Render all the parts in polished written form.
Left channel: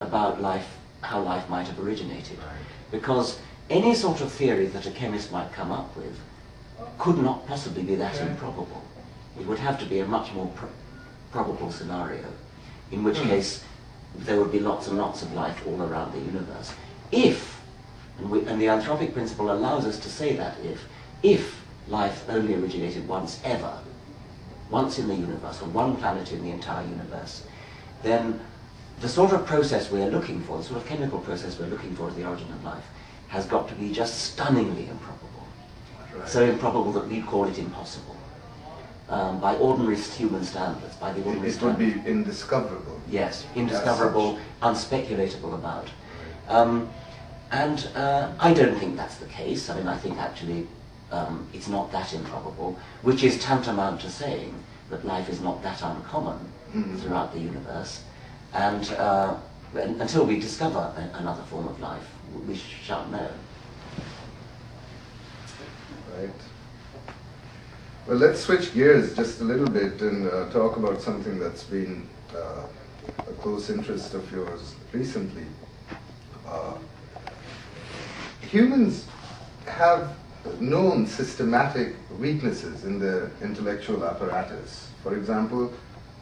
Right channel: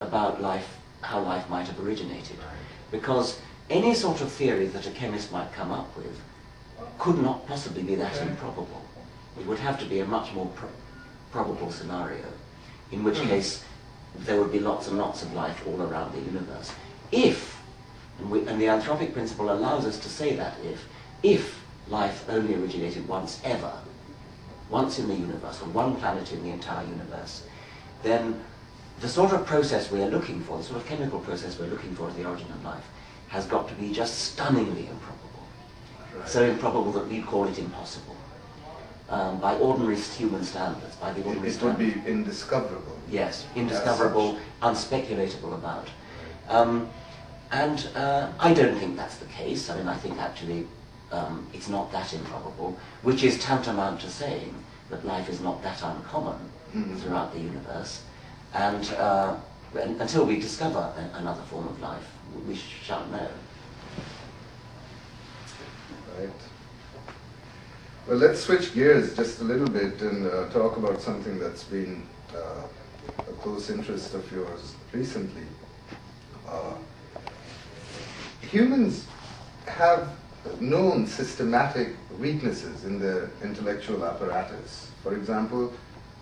about life, how life might have originated. Right. Because any sort of theory that a chemist might come up with could not possibly be that improbable. It would have to be a much more probable scenario, in which case there would be lots and lots of life all around the universe. If, and the anthropic principle allows us to say that if life only originated once ever, once in the universe, on one planet in the entire universe, then the sort of process we're looking for, the sort of chemical process we're looking for as the origin of life, has got to be just stunningly improbable. Right. So improbable that we'd call it impossible. By ordinary human standards, by the ordinary It would standards. be indiscoverable. Yes, indiscoverable, unspeculatable about. I don't think that's the case. I mean, I think actually it's not that improbable, which is tantamount to saying that life is not that uncommon throughout the universe. And until we discover another form of life, we shan't know. Right. Well, let's switch gears just a little bit and talk about something that's been a close interest of yours recently. Humans have known systematic weaknesses in their intellectual apparatus. For example,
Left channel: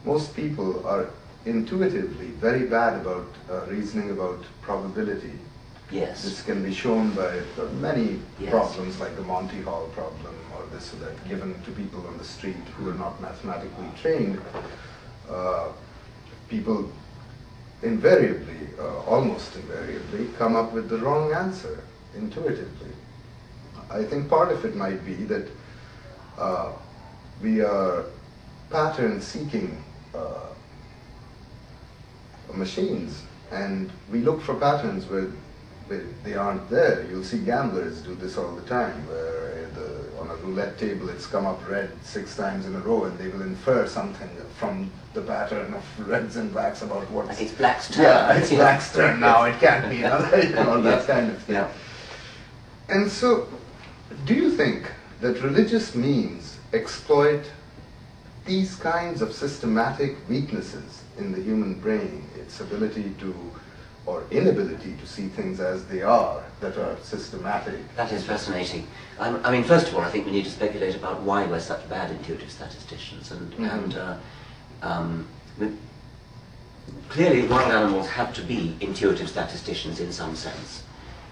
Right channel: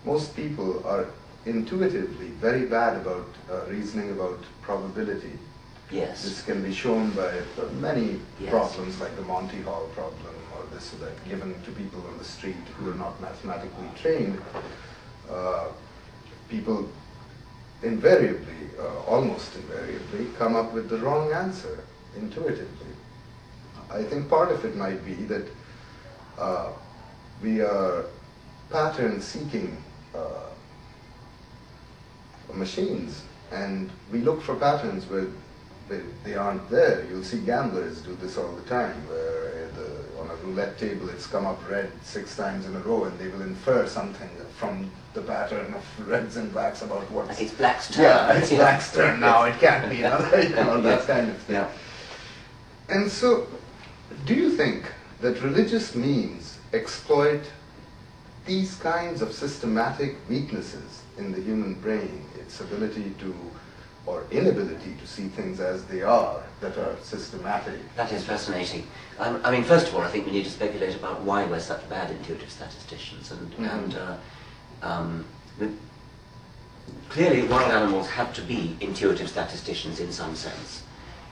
most people are intuitively very bad about reasoning about probability. Yes. This can be shown by many Yes. problems like the Monty Hall problem or this or that given to people on the street who are not mathematically trained. People invariably, almost invariably, come up with the wrong answer intuitively. I think part of it might be that we are pattern-seeking machines, and we look for patterns where they aren't there. You'll see gamblers do this all the time, where on a roulette table it's come up red 6 times in a row, and they will infer something from the pattern of reds and blacks about what's... It's black's turn. Yeah, it's black's turn now, it can't be another, that Yes. kind of thing. Yeah. And so, do you think that religious memes exploit these kinds of systematic weaknesses in the human brain, its ability to, or inability to see things as they are, that are systematic? That is fascinating. I mean, first of all, I think we need to speculate about why we're such bad intuitive statisticians. Clearly, wild animals have to be intuitive statisticians in some sense.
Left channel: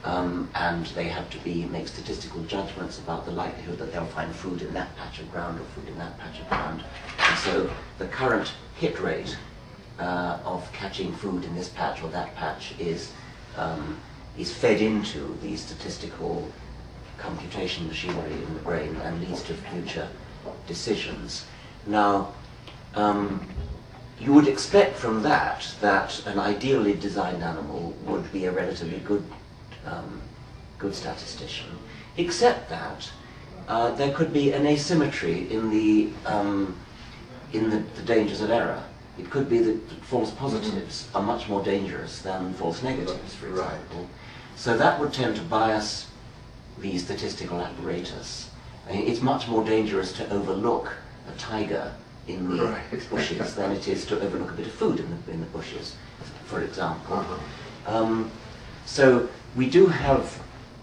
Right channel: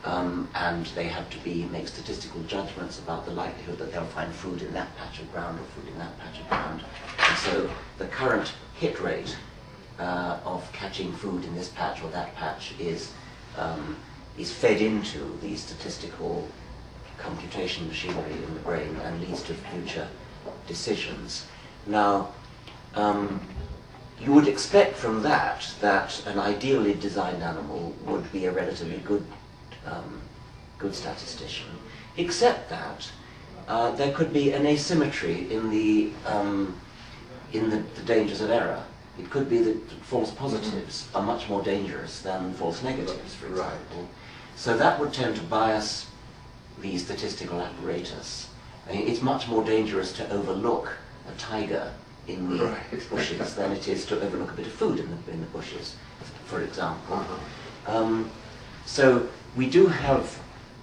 And they have to make statistical judgments about the likelihood that they'll find food in that patch of ground or food in that patch of ground. And so the current hit rate of catching food in this patch or that patch is fed into the statistical computation machinery in the brain and leads to future decisions. Now, you would expect from that an ideally designed animal would be a relatively good statistician, except that there could be an asymmetry in the dangers of error. It could be that false positives are much more dangerous than false negatives, for example. Right. So that would tend to bias the statistical apparatus. I mean, it's much more dangerous to overlook a tiger in the bushes than it is to overlook a bit of food in the bushes, for example. So we do have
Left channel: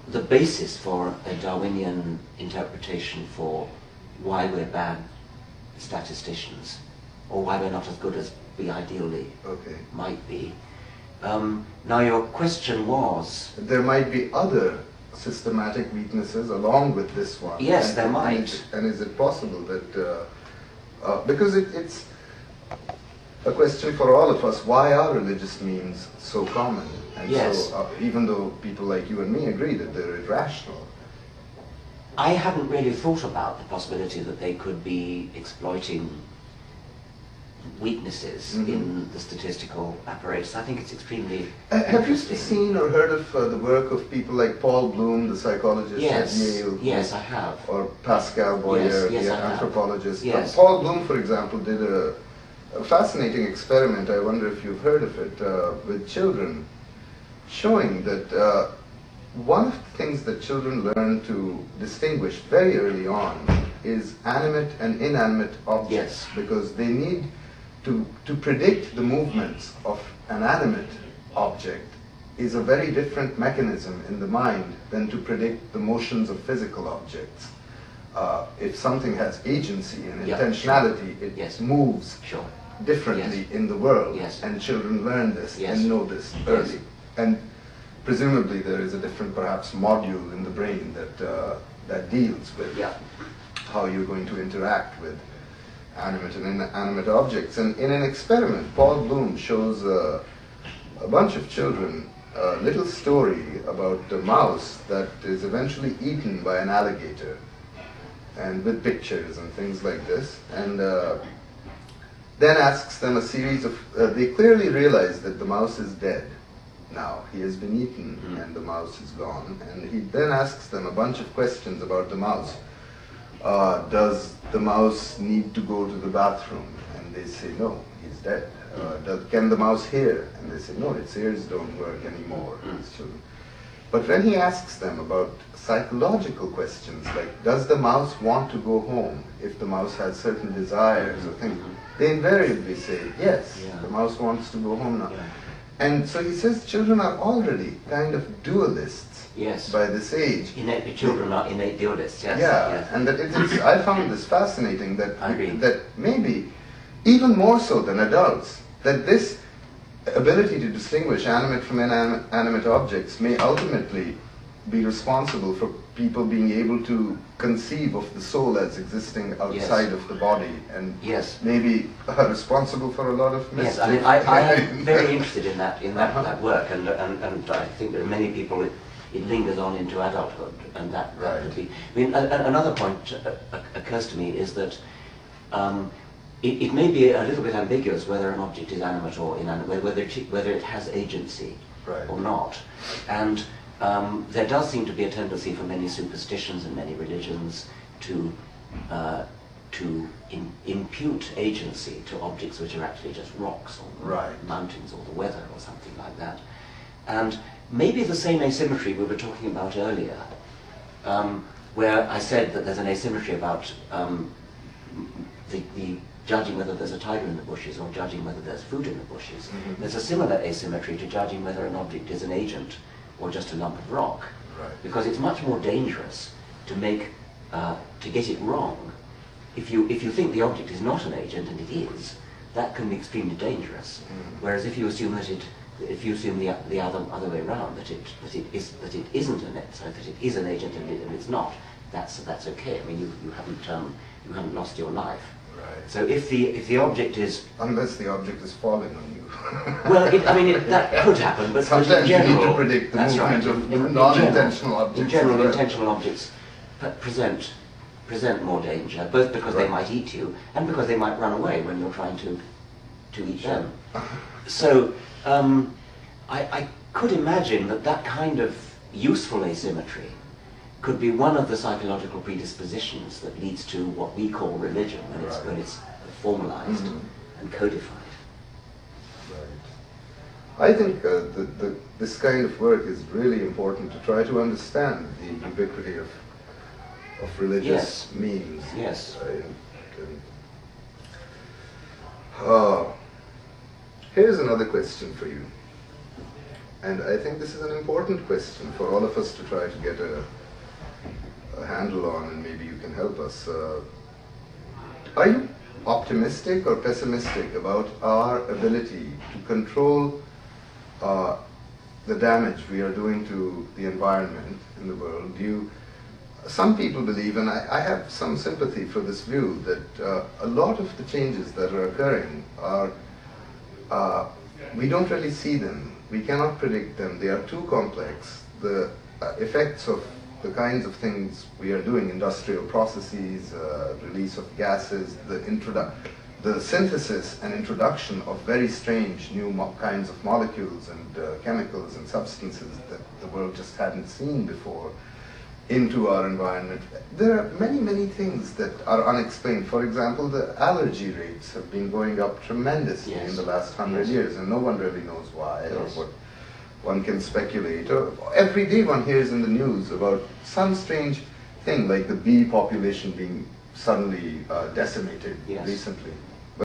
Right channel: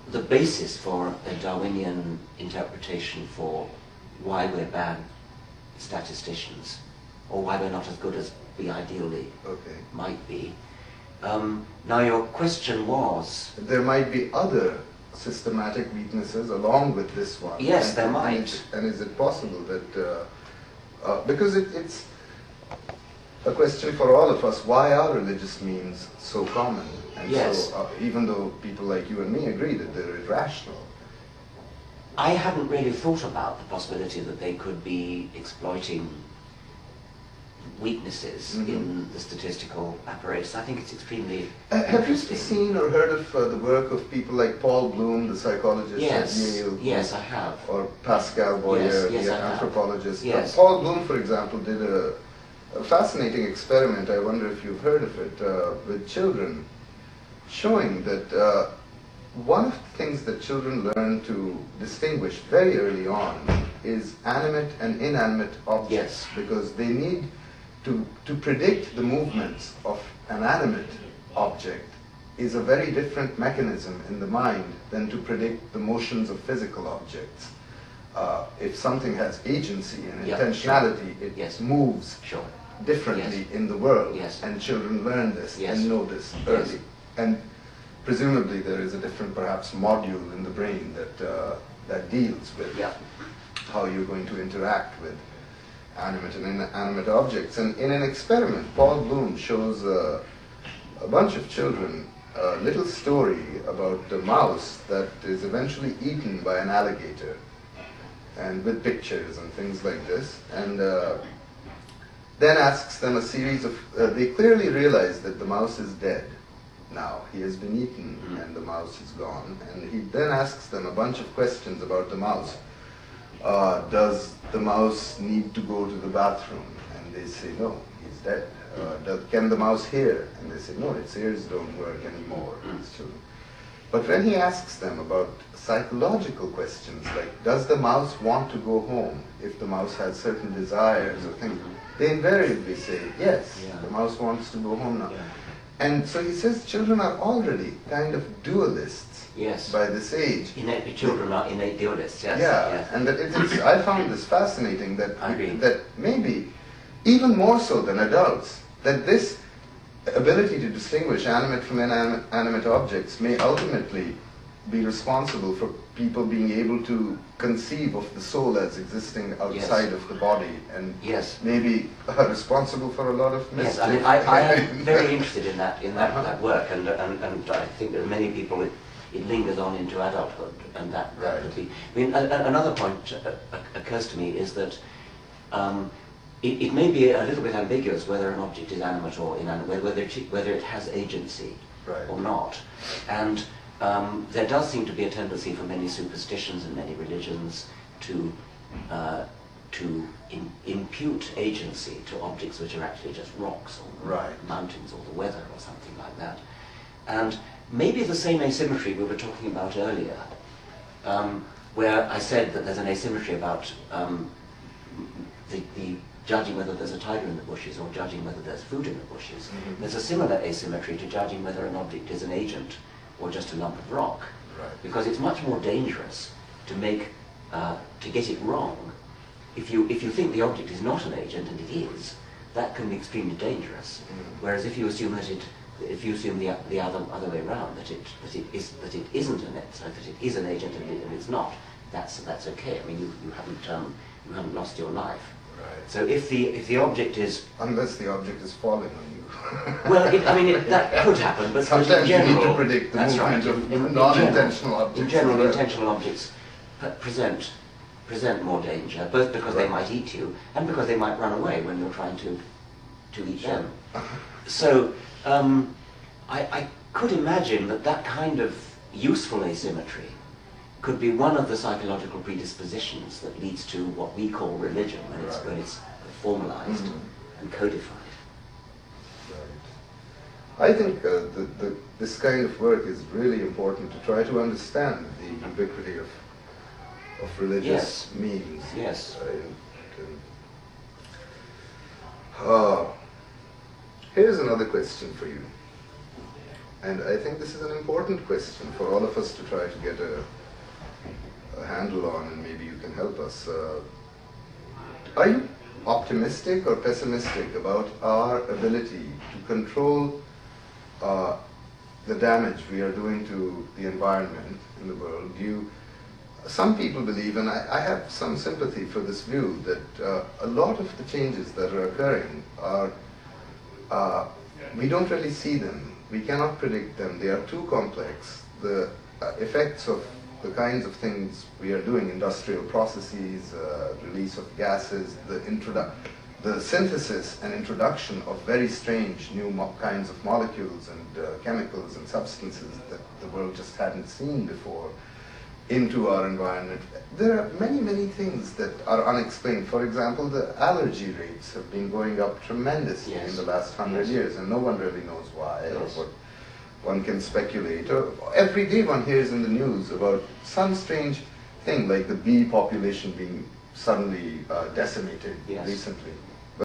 the basis for a Darwinian interpretation for why we're bad statisticians, or why we're not as good as we ideally might be. Now your question was... There might be other systematic weaknesses along with this one. Yes, there might. And is it possible that... because it's a question for all of us, why are religious memes so common? And yes. So, even though people like you and me agree that they're irrational. I hadn't really thought about the possibility that they could be exploiting weaknesses in the statistical apparatus. I think it's extremely Have you interesting. seen or heard of the work of people like Paul Bloom, the psychologist Yes. at Yale? Yes, I have. Or Pascal Boyer, Yes, I the have. anthropologist. Yes. Paul Bloom, for example, did a fascinating experiment, I wonder if you've heard of it, with children, showing that one of the things that children learn to distinguish very early on is animate and inanimate objects, Yes. because they need to predict the movements of an animate object is a very different mechanism in the mind than to predict the motions of physical objects. If something has agency and intentionality, it moves differently in the world, and children learn this and know this early. And presumably there is a different, perhaps, module in the brain that deals with how you're going to interact with animate and inanimate objects. And in an experiment, Paul Bloom shows a bunch of children a little story about a mouse that is eventually eaten by an alligator, and with pictures and things like this, and then asks them a series of, they clearly realize that the mouse is dead now. He has been eaten and the mouse is gone, and he then asks them a bunch of questions about the mouse. Does the mouse need to go to the bathroom? And they say, no, he's dead. Can the mouse hear? And they say, no, its ears don't work anymore. But when he asks them about psychological questions, like, does the mouse want to go home if the mouse has certain desires or things, they invariably say, yes, the mouse wants to go home now. And so he says children are already kind of dualists by this age. Children are innate dualists, and that I found this fascinating, that maybe even more so than adults, that this ability to distinguish animate from inanimate objects may ultimately be responsible for people being able to conceive of the soul as existing outside of the body, and maybe responsible for a lot of mischief. Yes, I mean, I am very interested in that work, and I think there are many people it lingers on into adulthood, and that could be. I mean, another point occurs to me is that it may be a little bit ambiguous whether an object is animate or inanimate, whether it has agency or not. And there does seem to be a tendency for many superstitions and many religions to impute agency to objects which are actually just rocks or mountains or the weather or something like that. And maybe the same asymmetry we were talking about earlier, where I said that there's an asymmetry about the judging whether there's a tiger in the bushes or judging whether there's food in the bushes. There's a similar asymmetry to judging whether an object is an agent or just a lump of rock, because it's much more dangerous to get it wrong. If you think the object is not an agent, and it is, that can be extremely dangerous. Whereas if you assume the other way around, that it isn't an agent, so that it is an agent and it's not, that's okay. I mean, you haven't lost your life. So if the object is... Unless the object is falling on you. Well, that could happen, but sometimes in general, you need to predict the movement of non-intentional objects. In general, intentional objects present more danger, both because they might eat you and because they might run away when you're trying to eat them. So I could imagine that kind of useful asymmetry could be one of the psychological predispositions that leads to what we call religion when it's formalized and codified. I think this kind of work is really important to try to understand the ubiquity of religious means. Here's another question for you, and I think this is an important question for all of us to try to get a handle on, and maybe you can help us. Are you optimistic or pessimistic about our ability to control the damage we are doing to the environment in the world? Some people believe, and I have some sympathy for this view, that a lot of the changes that are occurring are, we don't really see them. We cannot predict them. They are too complex. The effects of the kinds of things we are doing, industrial processes, release of gases, the synthesis and introduction of very strange new kinds of molecules and chemicals and substances that the world just hadn't seen before into our environment. There are many, many things that are unexplained. For example, the allergy rates have been going up tremendously in the last 100 years, and no one really knows why or what. One can speculate. Every day one hears in the news about some strange thing, like the bee population being suddenly decimated recently.